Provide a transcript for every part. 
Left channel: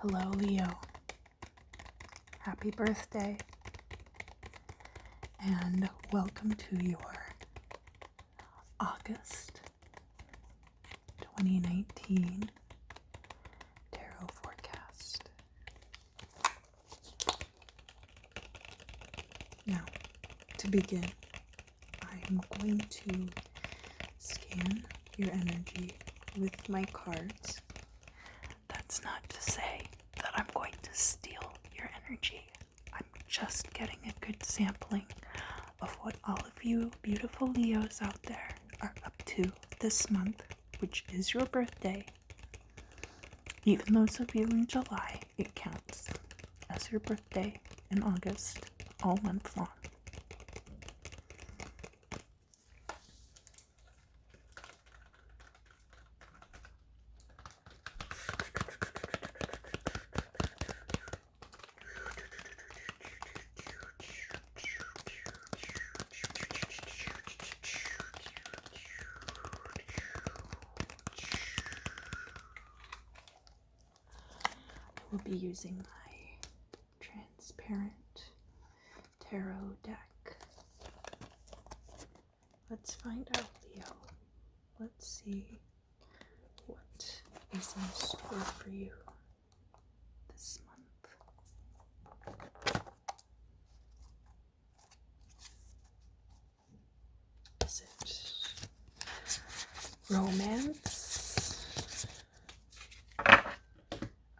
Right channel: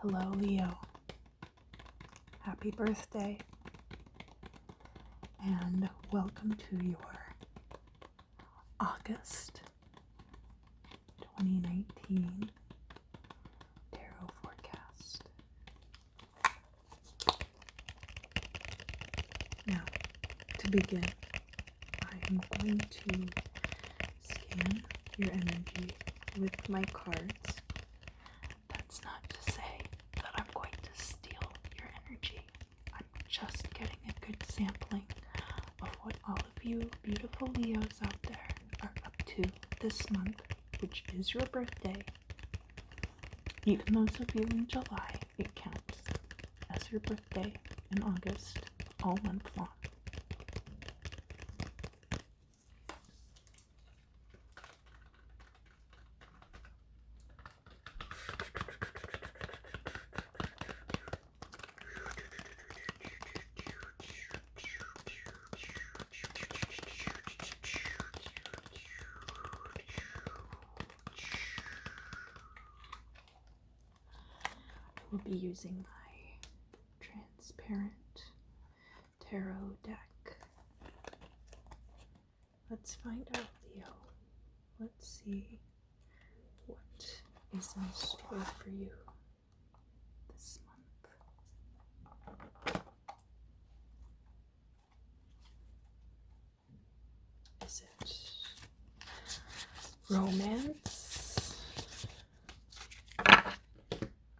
Hello, Leo. Happy birthday. And welcome to your August 2019 tarot forecast. Now, to begin, I am going to scan your energy with my cards. That's not to say that I'm going to steal your energy. I'm just getting a good sampling of what all of you beautiful Leos out there are up to this month, which is your birthday. Even those of you in July, it counts as your birthday in August, all month long. We'll be using my transparent tarot deck. Let's find out, Leo. Let's see what is in store for you this month. Is it romance?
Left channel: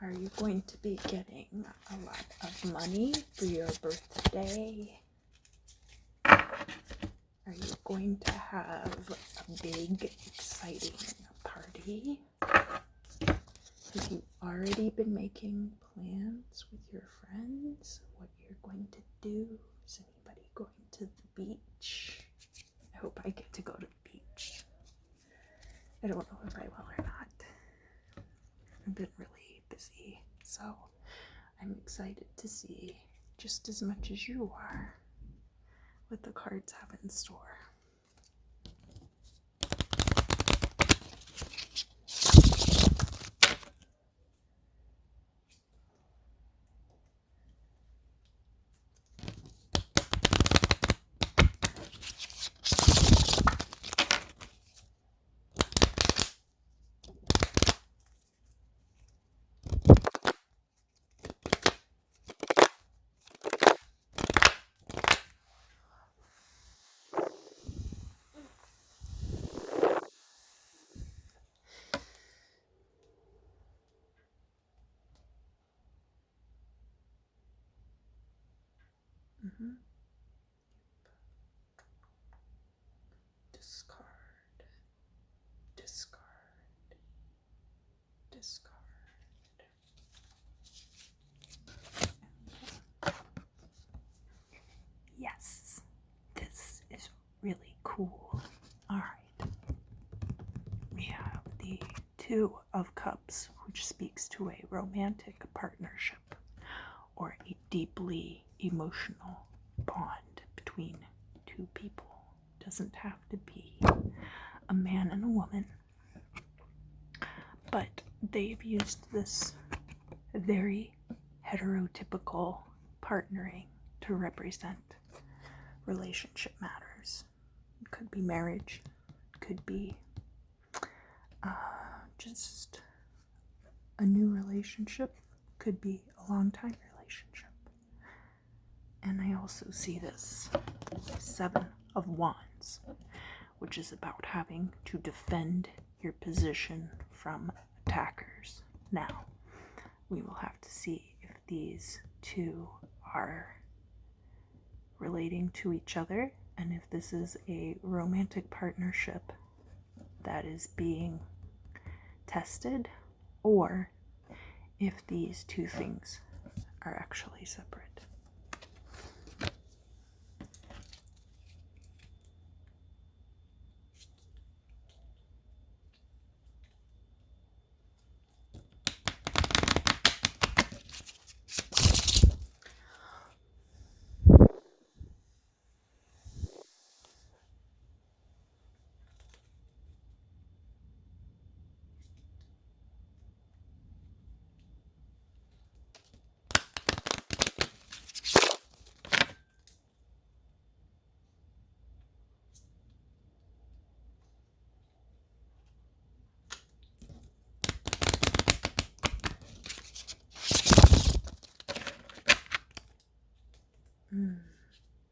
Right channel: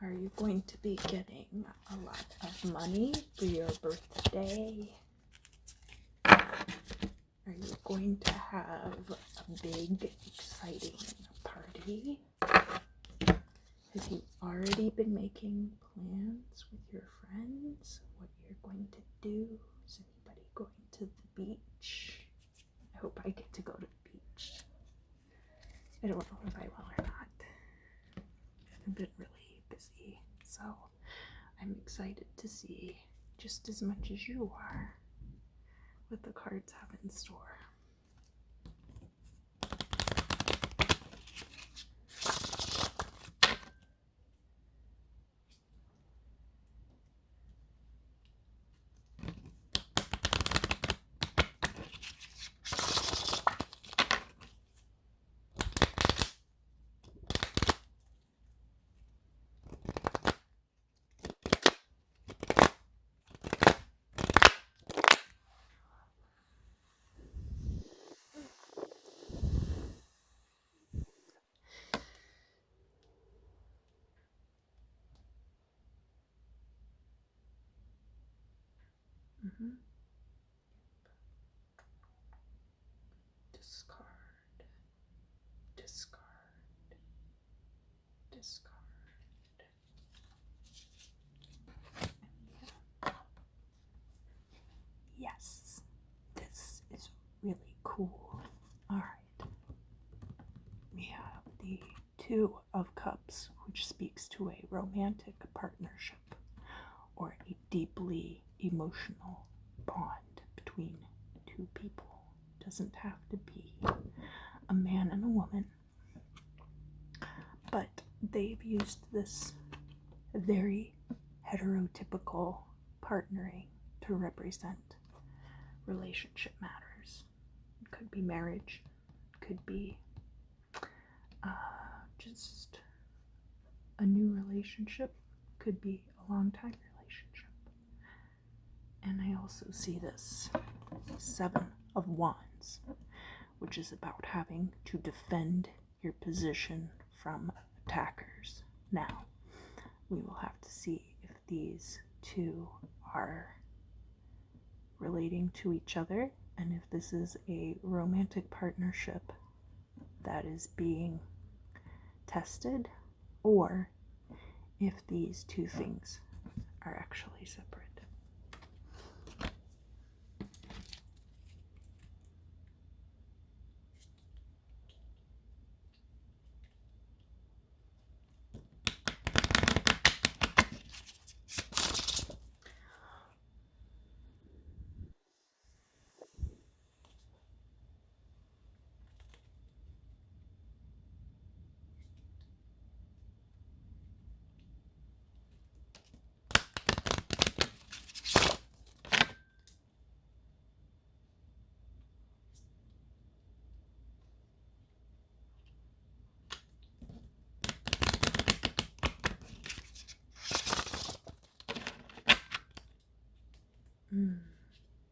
Are you going to be getting a lot of money for your birthday? Are you going to have a big, exciting party? Have you already been making plans with your friends? What you're going to do? Is anybody going to the beach? I hope I get to go to the beach. I don't know if I will or not. I've been really busy, so I'm excited to see just as much as you are what the cards have in store. Discard, discard, discard. Yes, this is really cool. All right. We have the Two of Cups, which speaks to a romantic partnership or a deeply emotional bond between two people. Doesn't have to be a man and a woman, but they've used this very heterotypical partnering to represent relationship matters. It could be marriage, it could be just a new relationship, could be a long time relationship. And I also see this Seven of Wands, which is about having to defend your position from attackers. Now, we will have to see if these two are relating to each other and if this is a romantic partnership that is being tested, or if these two things are actually separate.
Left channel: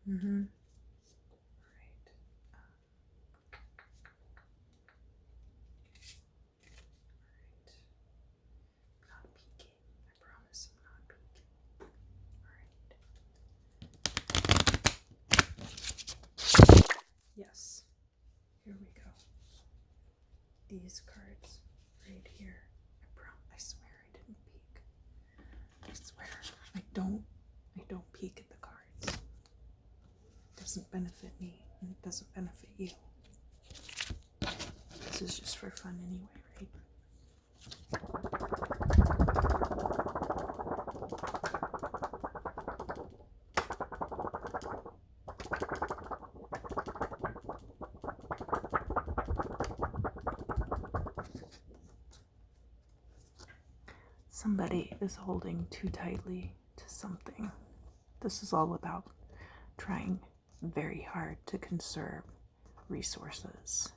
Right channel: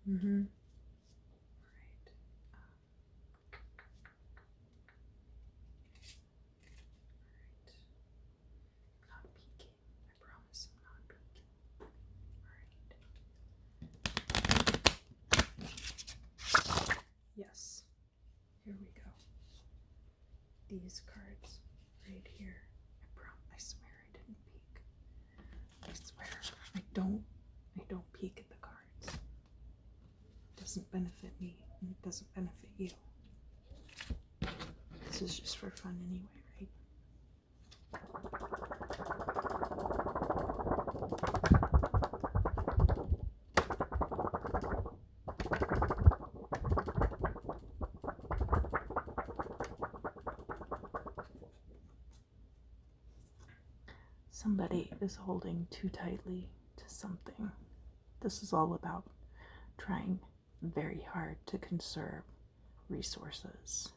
Mm-hmm. Right. Not peeking. I promise I'm not peeking. Alright. Yes. Here we go. These cards right here. I swear I didn't peek. I swear. I don't peek at the cards. It doesn't benefit me and it doesn't benefit you. This is just for fun anyway, right? Somebody is holding too tightly to something. This is all about trying very hard to conserve resources.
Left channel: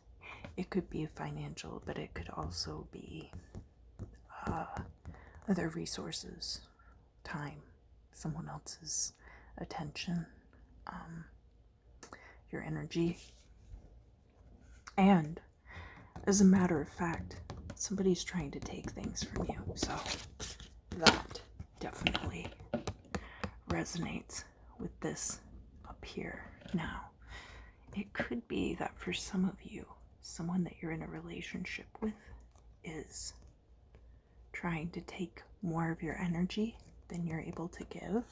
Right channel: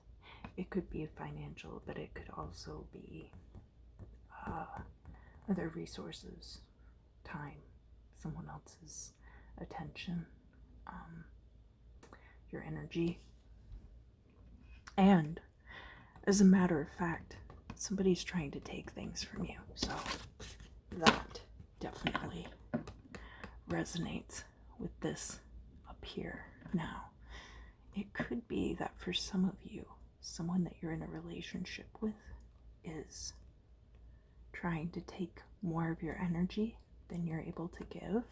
It could be financial, but it could also be other resources, time, someone else's attention, your energy. And as a matter of fact, somebody's trying to take things from you. So that definitely resonates with this up here. Now, it could be that for some of you, someone that you're in a relationship with is trying to take more of your energy than you're able to give,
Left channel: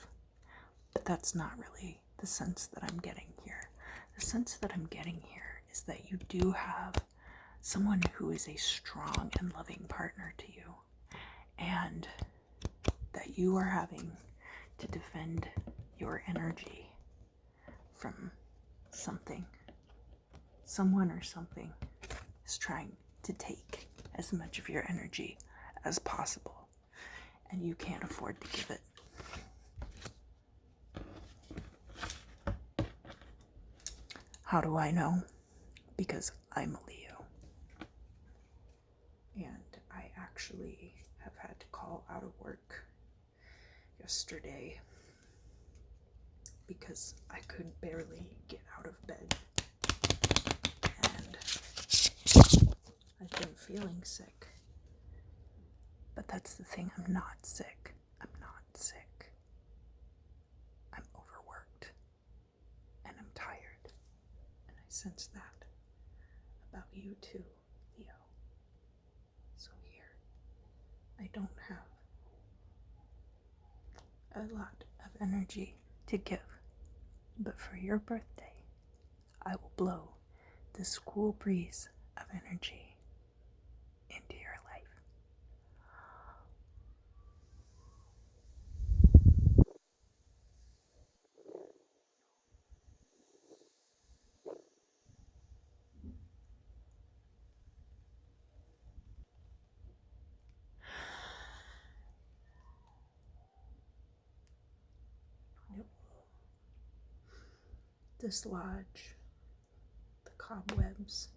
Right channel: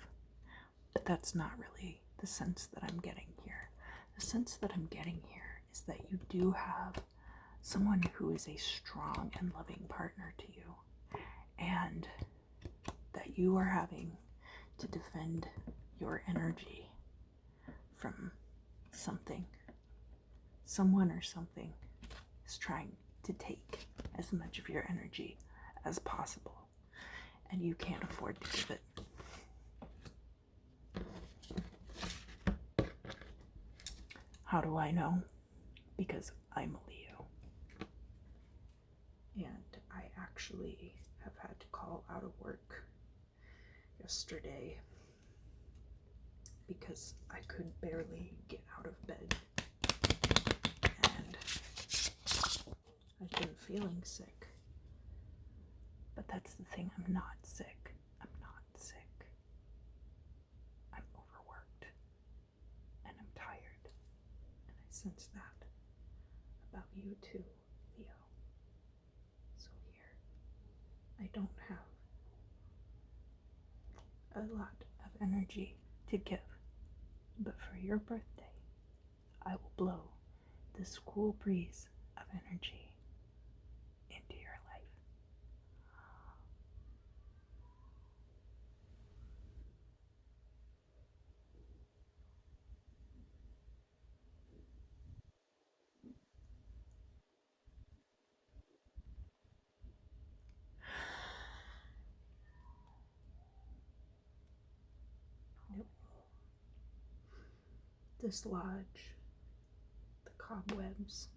but that's not really the sense that I'm getting here. The sense that I'm getting here is that you do have someone who is a strong and loving partner to you, and that you are having to defend your energy from something. Someone or something is trying to take as much of your energy as possible, and you can't afford to give it. How do I know? Because I'm a Leo. And I actually have had to call out of work yesterday because I could barely get out of bed. And I've been feeling sick. But that's the thing, I'm not sick. I'm not sick. I'm overworked. And I'm tired. And I sense that about you too, Leo. So here, I don't have a lot of energy to give. But for your birthday, I will blow this cool breeze of energy into your life. It will dislodge the cobwebs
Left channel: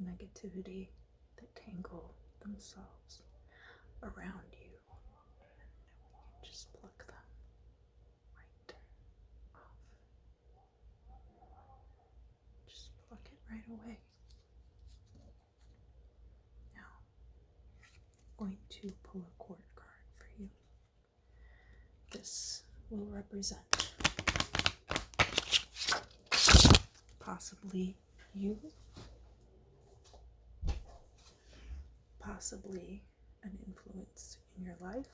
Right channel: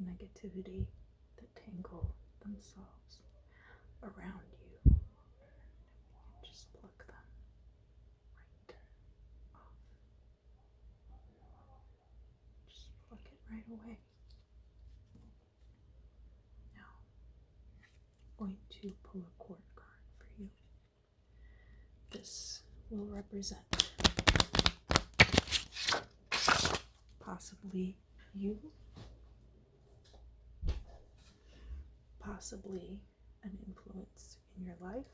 of negativity that tangle themselves around you. And we can just pluck them right off. Just pluck it right away. Now, I'm going to pull a court card for you. This will represent possibly you, possibly an influence in your life.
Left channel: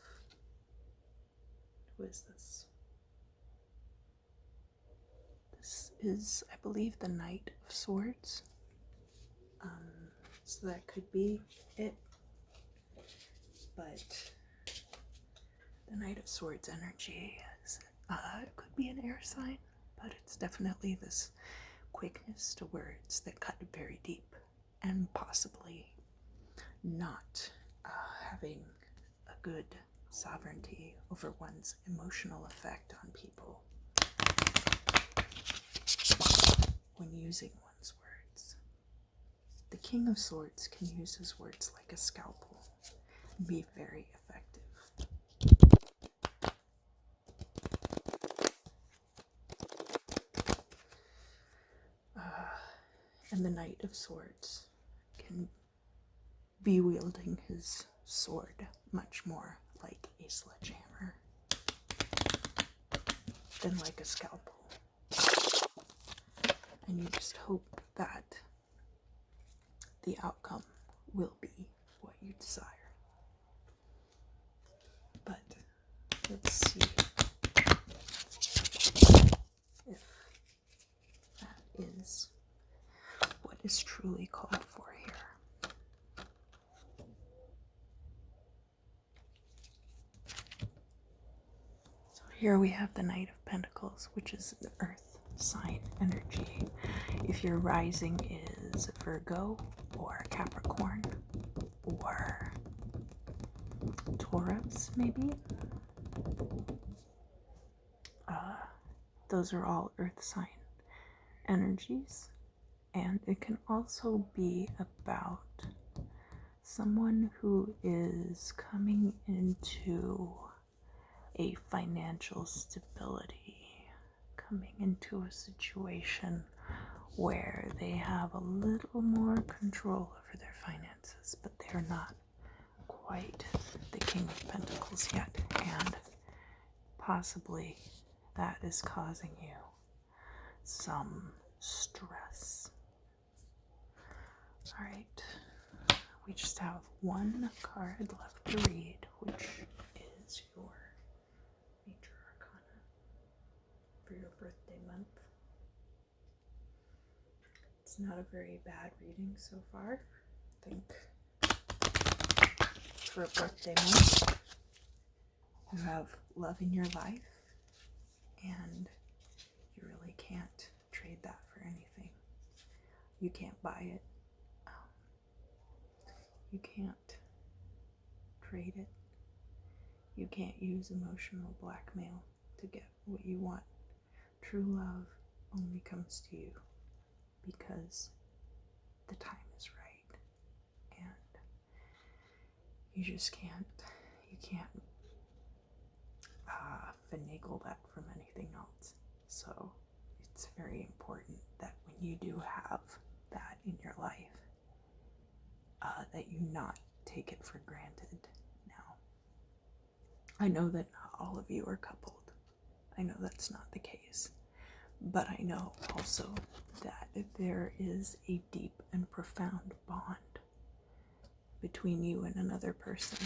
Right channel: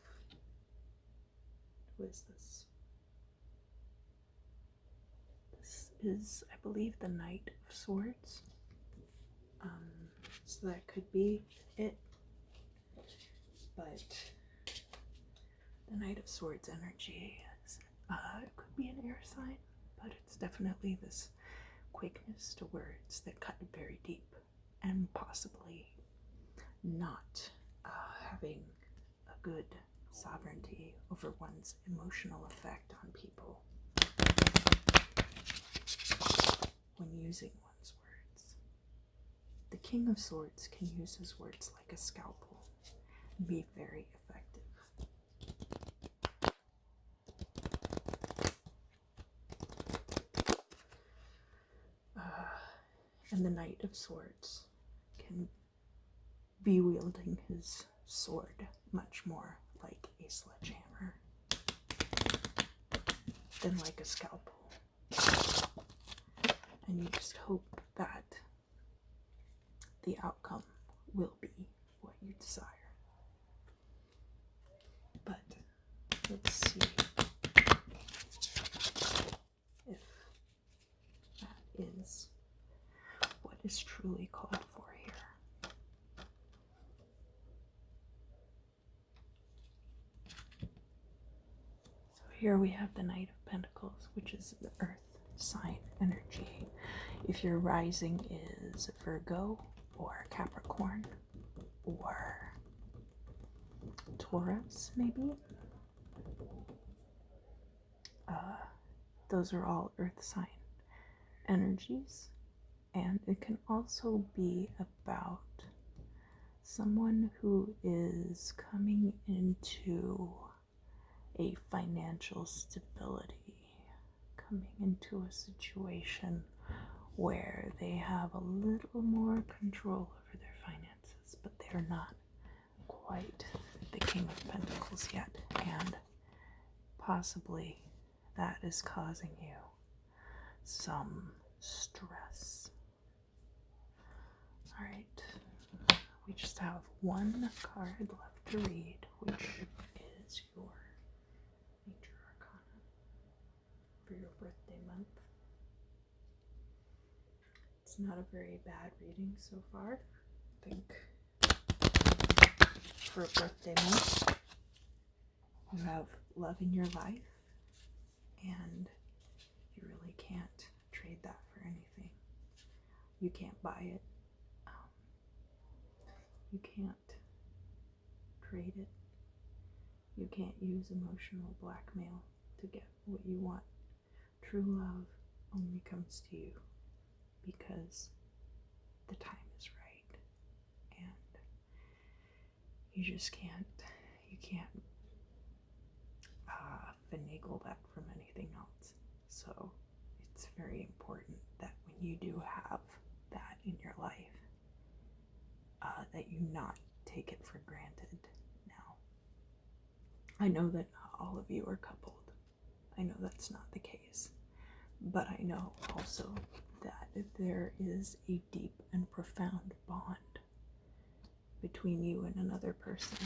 Who is this? This is, I believe, the Knight of Swords. So that could be it. But the Knight of Swords energy is, it could be an air sign, but it's definitely this quickness to words that cut very deep, and possibly not having a good sovereignty over one's emotional effect on people when using one's words. The King of Swords can use his words like a scalpel and be very effective. And the Knight of Swords can be wielding his sword much more like a sledgehammer than like a scalpel. And you just hope that the outcome will be what you desire. But let's see if that is what is truly called for here. So here we have the Knight of Pentacles, which is the earth sign energy. If your rising is Virgo or Capricorn or Taurus, maybe, those are all earth sign energies. And it can also be about someone who is coming into a financial stability, coming into a situation where they have a little more control over their finances, but they're not quite the King of Pentacles yet, and possibly that is causing you some stress. All right, we just have one card left to read, which is your Major Arcana for your birthday month. It's not a very bad reading so far. I think for a birthday month, you have love in your life, and you really can't trade that for anything. You can't buy it. You can't trade it. You can't use emotional blackmail to get what you want. True love only comes to you because the time is right, and you just can't finagle that from anything else. So it's very important that when you do have that in your life, that you not take it for granted. Now, I know that not all of you are coupled. I know that's not the case. But I know also that there is a deep and profound bond between you and another person.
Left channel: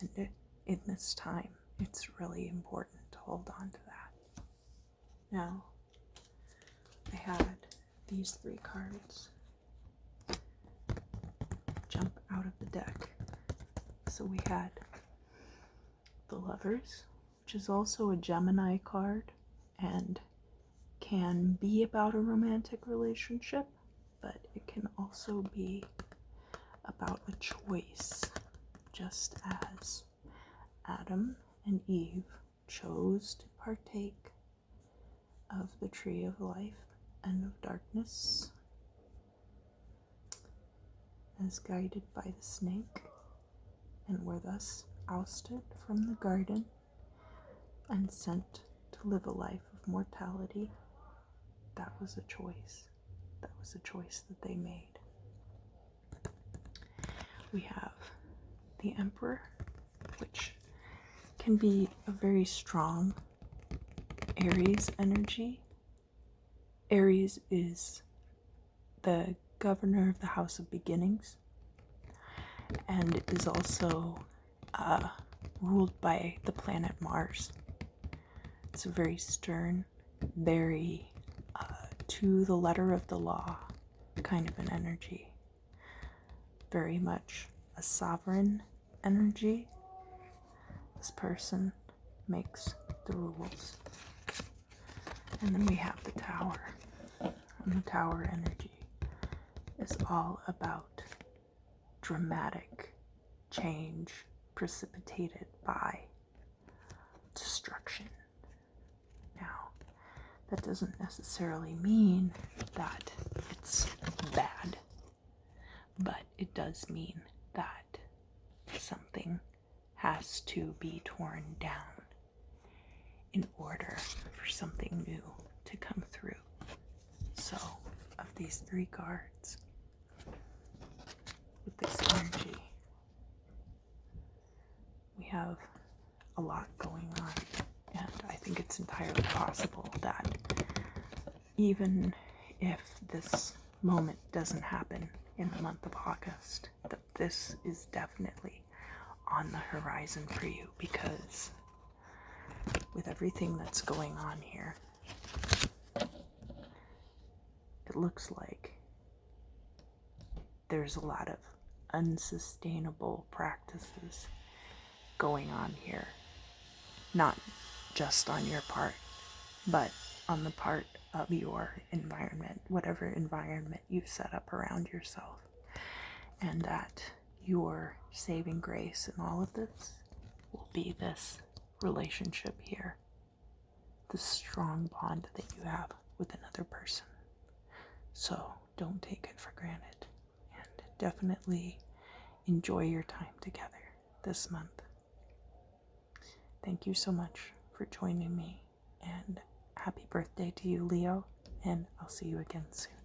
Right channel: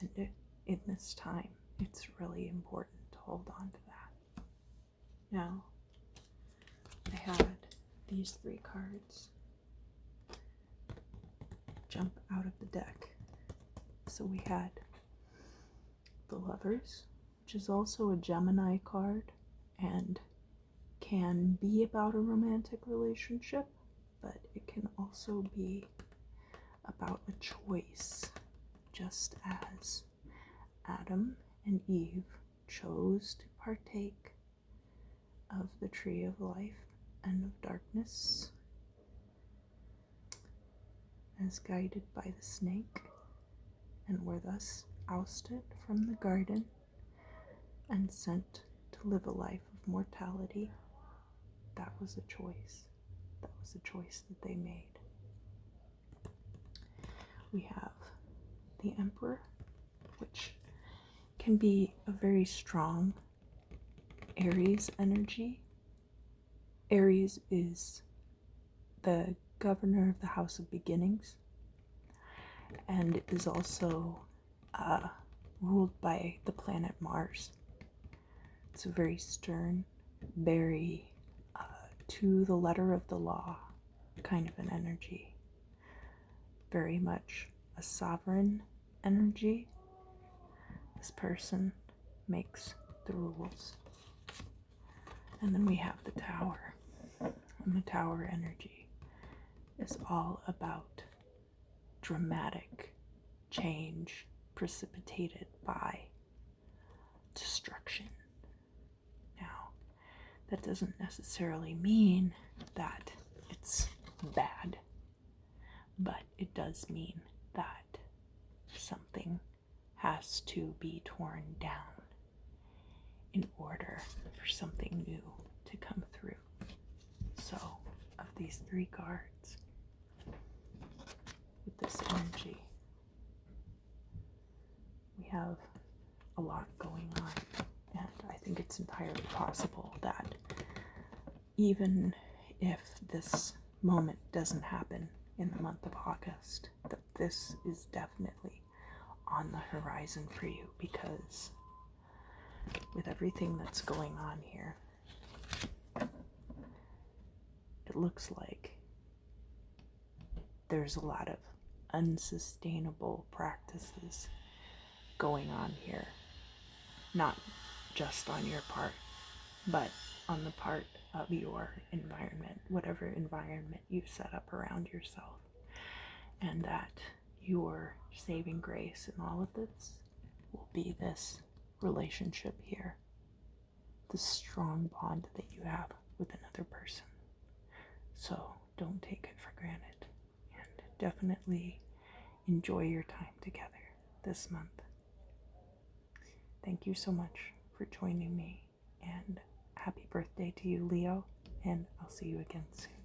And in this time, it's really important to hold on to that. Now, I had these three cards jump out of the deck. So we had the Lovers, which is also a Gemini card and can be about a romantic relationship, but it can also be about a choice, just as Adam and Eve chose to partake of the tree of life and of darkness as guided by the snake, and were thus ousted from the garden and sent to live a life of mortality. That was a choice. That was a choice that they made. We have the Emperor, which can be a very strong Aries energy. Aries is the governor of the House of Beginnings and is also ruled by the planet Mars. It's a very stern, very to the letter of the law kind of an energy. Very much a sovereign energy. This person makes the rules. And then we have the Tower. And the Tower energy is all about dramatic change precipitated by destruction. Now, that doesn't necessarily mean that it's bad, but it does mean that something has to be torn down in order for something new to come through. So, of these 3 cards with this energy. We have a lot going on, and I think it's entirely possible that even if this moment doesn't happen in the month of August, that this is definitely on the horizon for you, because with everything that's going on here, it looks like there's a lot of unsustainable practices going on here. Not just on your part, but on the part of your environment, whatever environment you've set up around yourself. And that your saving grace in all of this will be this relationship here, the strong bond that you have with another person. So don't take it for granted, and definitely enjoy your time together this month. Thank you so much for joining me, and happy birthday to you, Leo, and I'll see you again soon.